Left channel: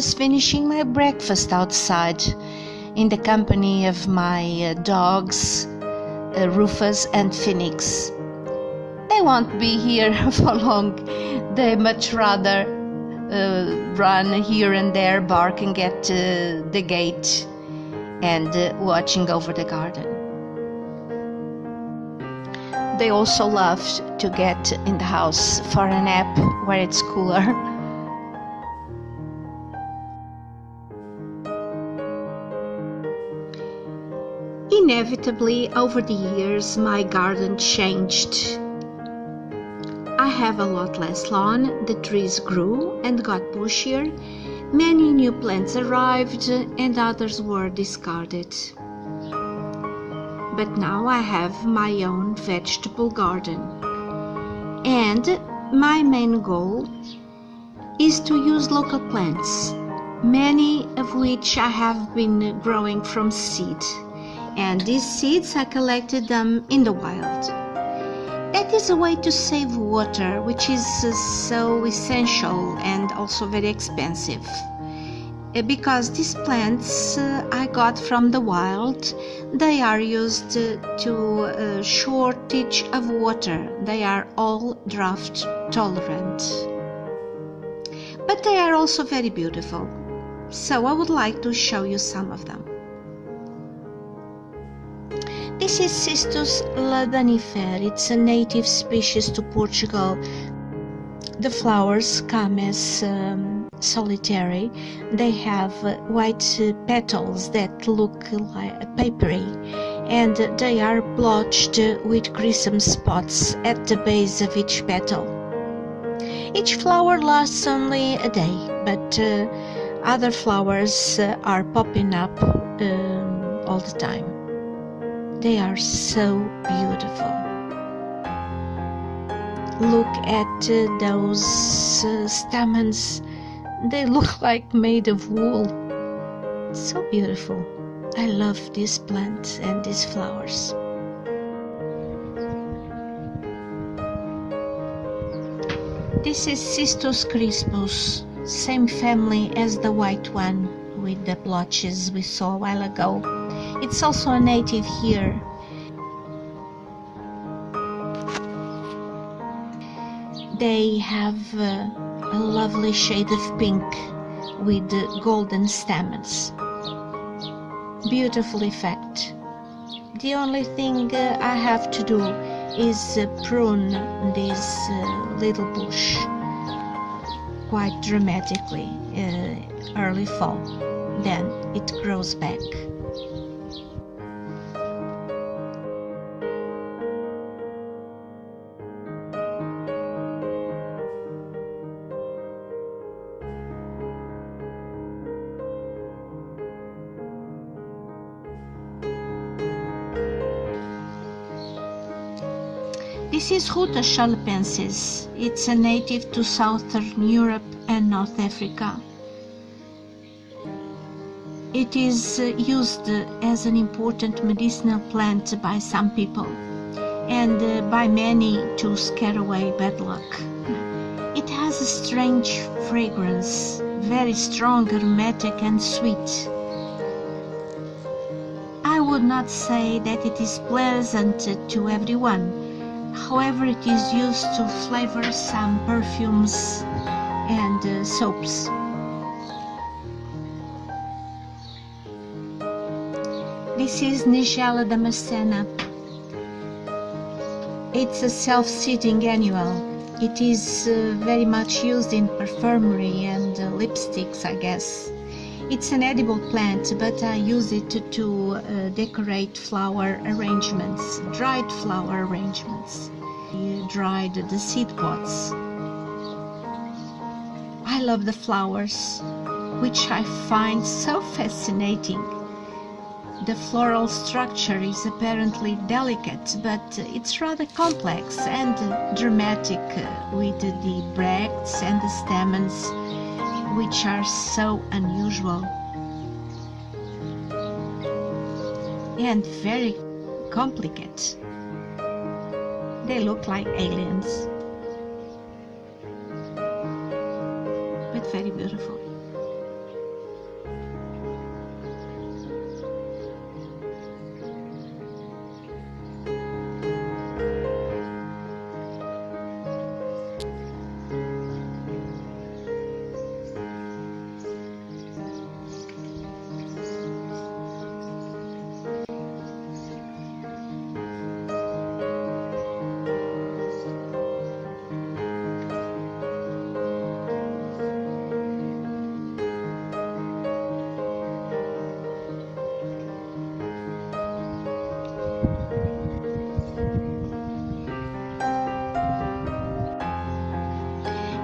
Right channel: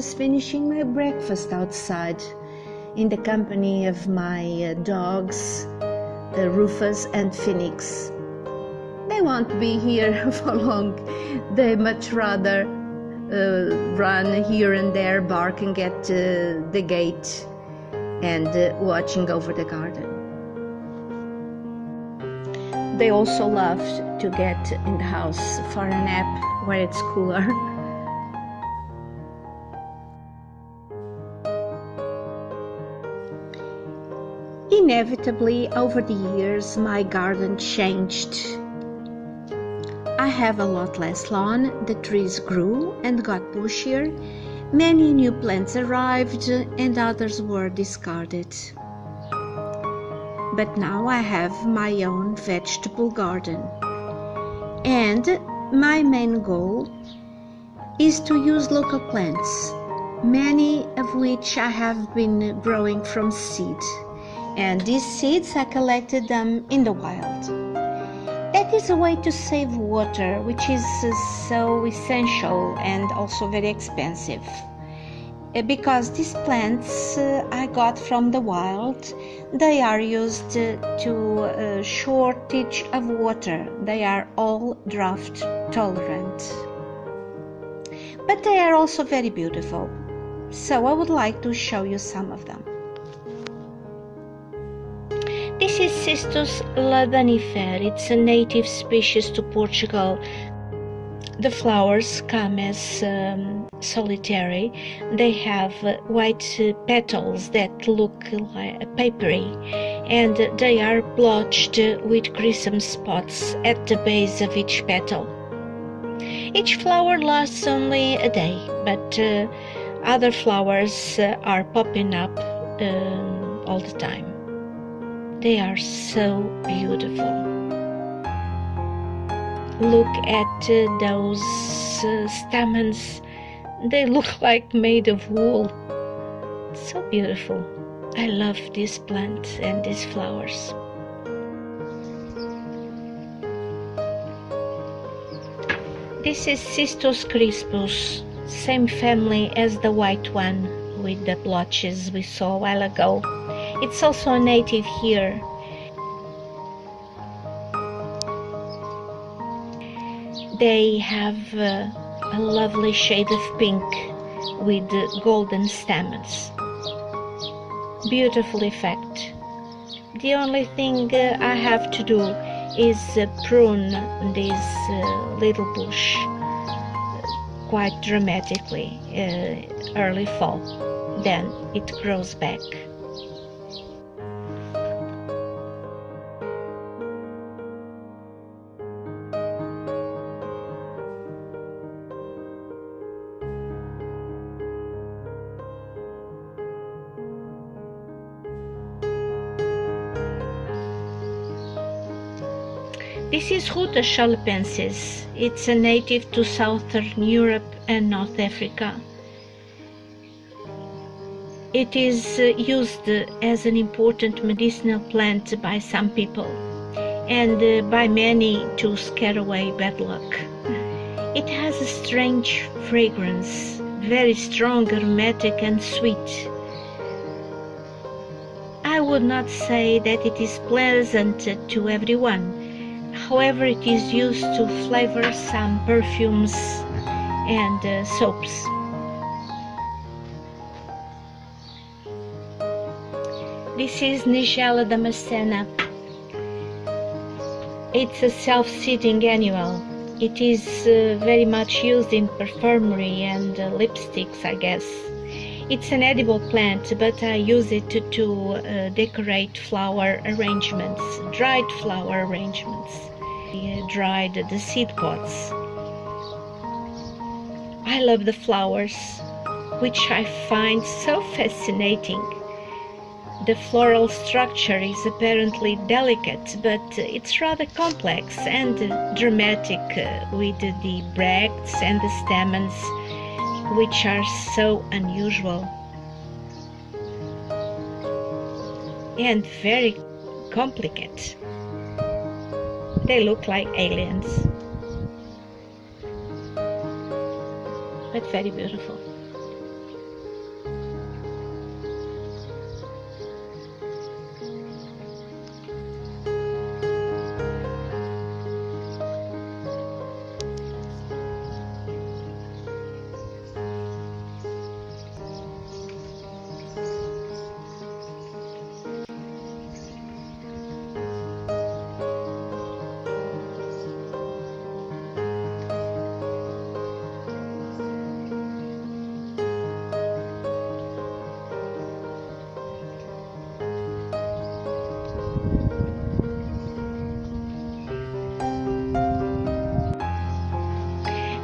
just finishing my breakfast outside in the company of my dogs, Rufus and Phoenix. They won't be here for long. They much rather run here and there, barking at the gate and watching over the garden. They also love to get in the house for a nap where it's cooler. Inevitably, over the years, my garden changed. I have a lot less lawn, the trees grew and got bushier, many new plants arrived and others were discarded. But now I have my own vegetable garden, and my main goal is to use local plants, many of which I have been growing from seed, and these seeds I collected them in the wild. That is a way to save water, which is so essential and also very expensive. Because these plants I got from the wild, they are used to shortage of water. They are all drought tolerant. But they are also very beautiful. So I would like to show you some of them. This is Cistus ladanifera. It's a native species to Portugal. The flowers come as solitary. They have white petals that look like papery, and they are blotched with crimson spots at the base of each petal. Each flower lasts only a day, but other flowers are popping up all the time. They are so beautiful. Look at those stamens. They look like made of wool. So beautiful. I love this plant and these flowers. This is Cistus crispus, same family as the white one with the blotches we saw a while ago. It's also a native here. They have a lovely shade of pink with golden stamens. Beautiful effect. The only thing I have to do is prune this little bush quite dramatically early fall. Then it grows back. This is Ruta chalepensis. It's a native to southern Europe and North Africa. It is used as an important medicinal plant by some people and by many to scare away bad luck. It has a strange fragrance, very strong, aromatic and sweet. I would not say that it is pleasant to everyone. However, it is used to flavor some perfumes and soaps. This is Nigella damascena. It's a self-seeding annual. It is very much used in perfumery and lipsticks, I guess. It's an edible plant, but I use it to decorate flower arrangements, dried flower arrangements. I dried the seed pods. I love the flowers, which I find so fascinating. The floral structure is apparently delicate, but it's rather complex and dramatic with the bracts and the stamens, which are so unusual and very complicated. They look like aliens, but very beautiful.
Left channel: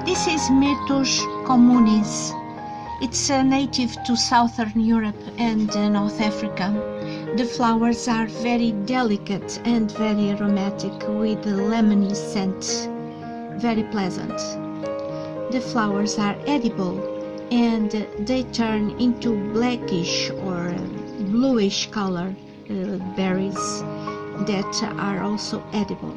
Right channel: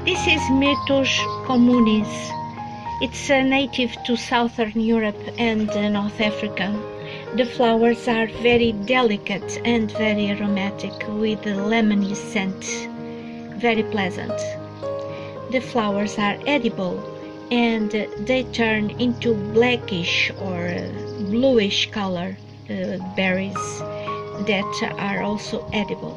This is Myrtus communis. It's native to Southern Europe and North Africa. The flowers are very delicate and very aromatic with a lemony scent, very pleasant. The flowers are edible and they turn into blackish or bluish color berries that are also edible.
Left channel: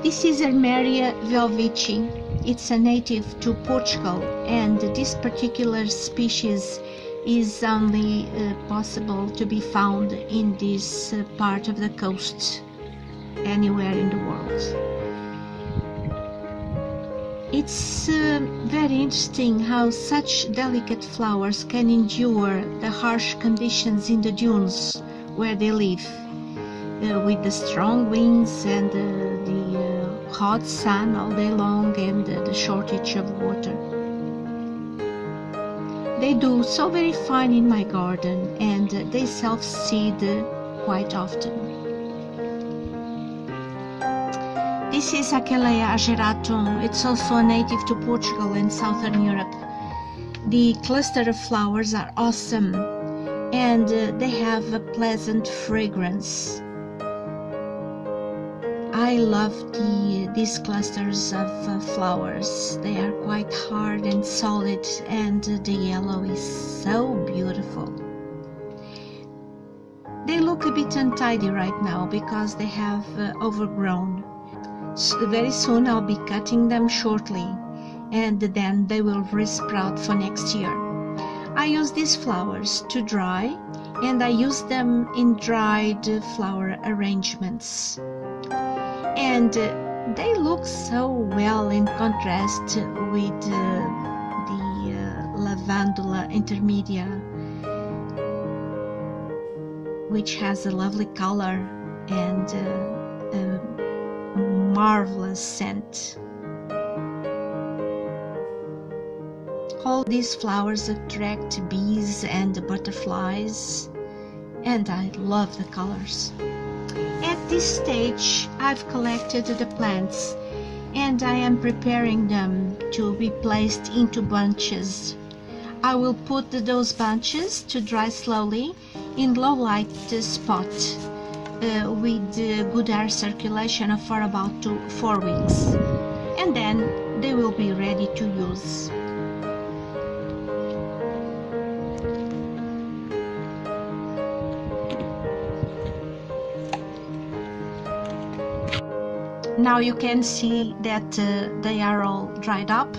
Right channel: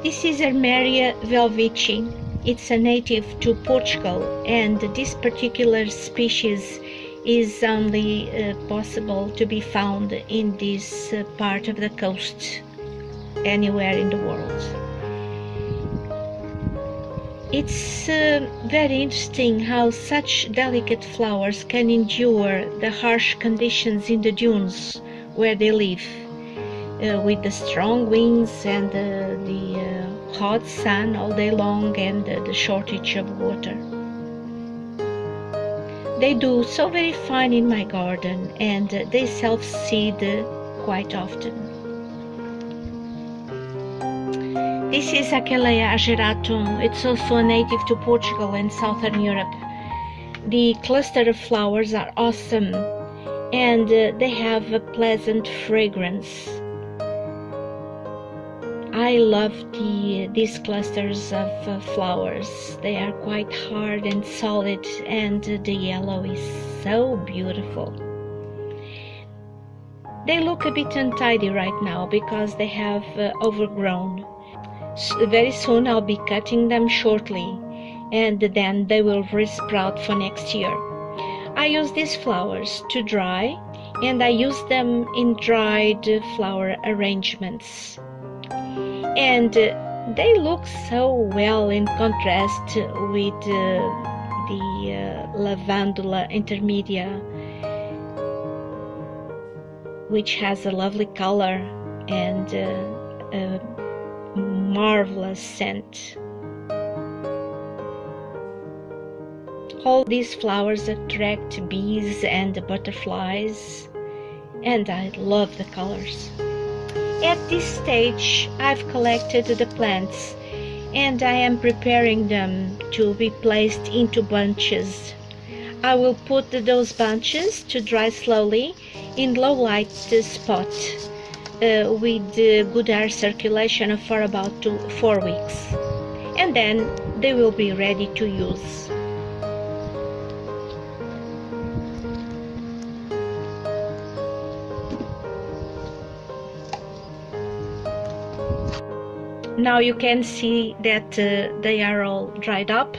This is Armeria velvici. It's a native to Portugal, and this particular species is only possible to be found in this part of the coast, anywhere in the world. It's very interesting how such delicate flowers can endure the harsh conditions in the dunes where they live. With the strong winds and the hot sun all day long and the shortage of water. They do so very fine in my garden, and they self-seed quite often. This is Achillea ageratum. It's also a native to Portugal and Southern Europe. The cluster of flowers are awesome, and they have a pleasant fragrance. I love these clusters of flowers. They are quite hard and solid, and the yellow is so beautiful. They look a bit untidy right now because they have overgrown. Very soon I'll be cutting them shortly, and then they will resprout for next year. I use these flowers to dry, and I use them in dried flower arrangements. And they look so well in contrast with the Lavandula intermedia, which has a lovely color and a marvelous scent. All these flowers attract bees and butterflies, and I love the colors. At this stage, I've collected the plants, and I am preparing them to be placed into bunches. I will put those bunches to dry slowly in low light spot with good air circulation for about 4 weeks, and then they will be ready to use. Now you can see that they are all dried up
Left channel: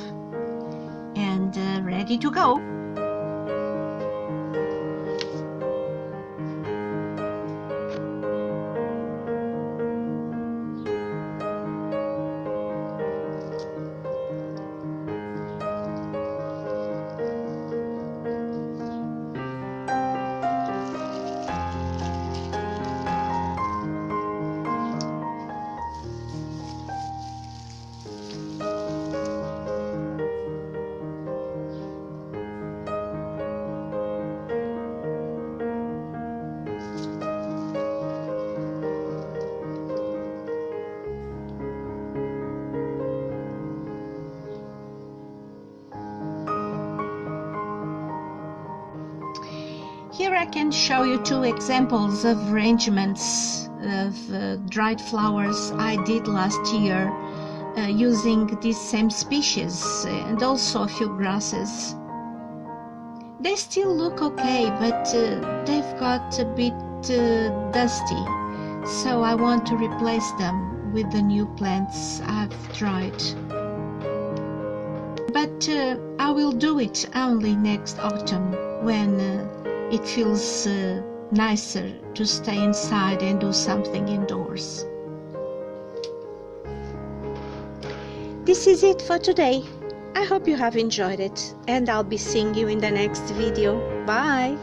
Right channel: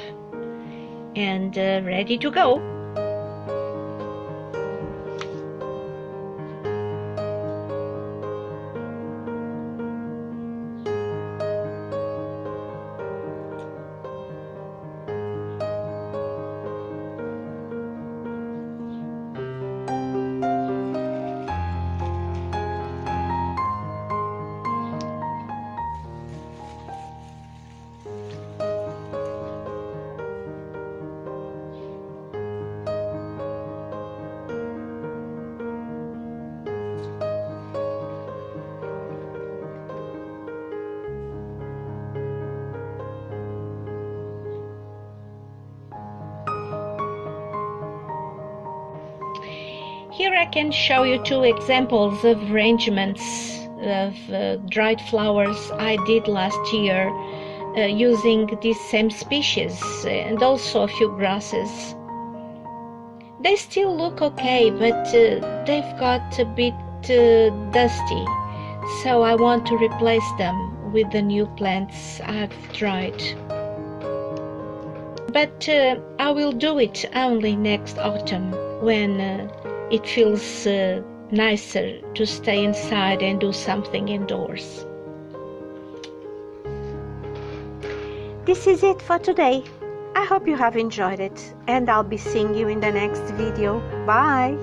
and ready to go. Here I can show you 2 examples of arrangements of dried flowers I did last year using this same species and also a few grasses. They still look okay, but they've got a bit dusty, so I want to replace them with the new plants I've dried. But I will do it only next autumn when it feels nicer to stay inside and do something indoors. This is it for today. I hope you have enjoyed it, and I'll be seeing you in the next video. Bye!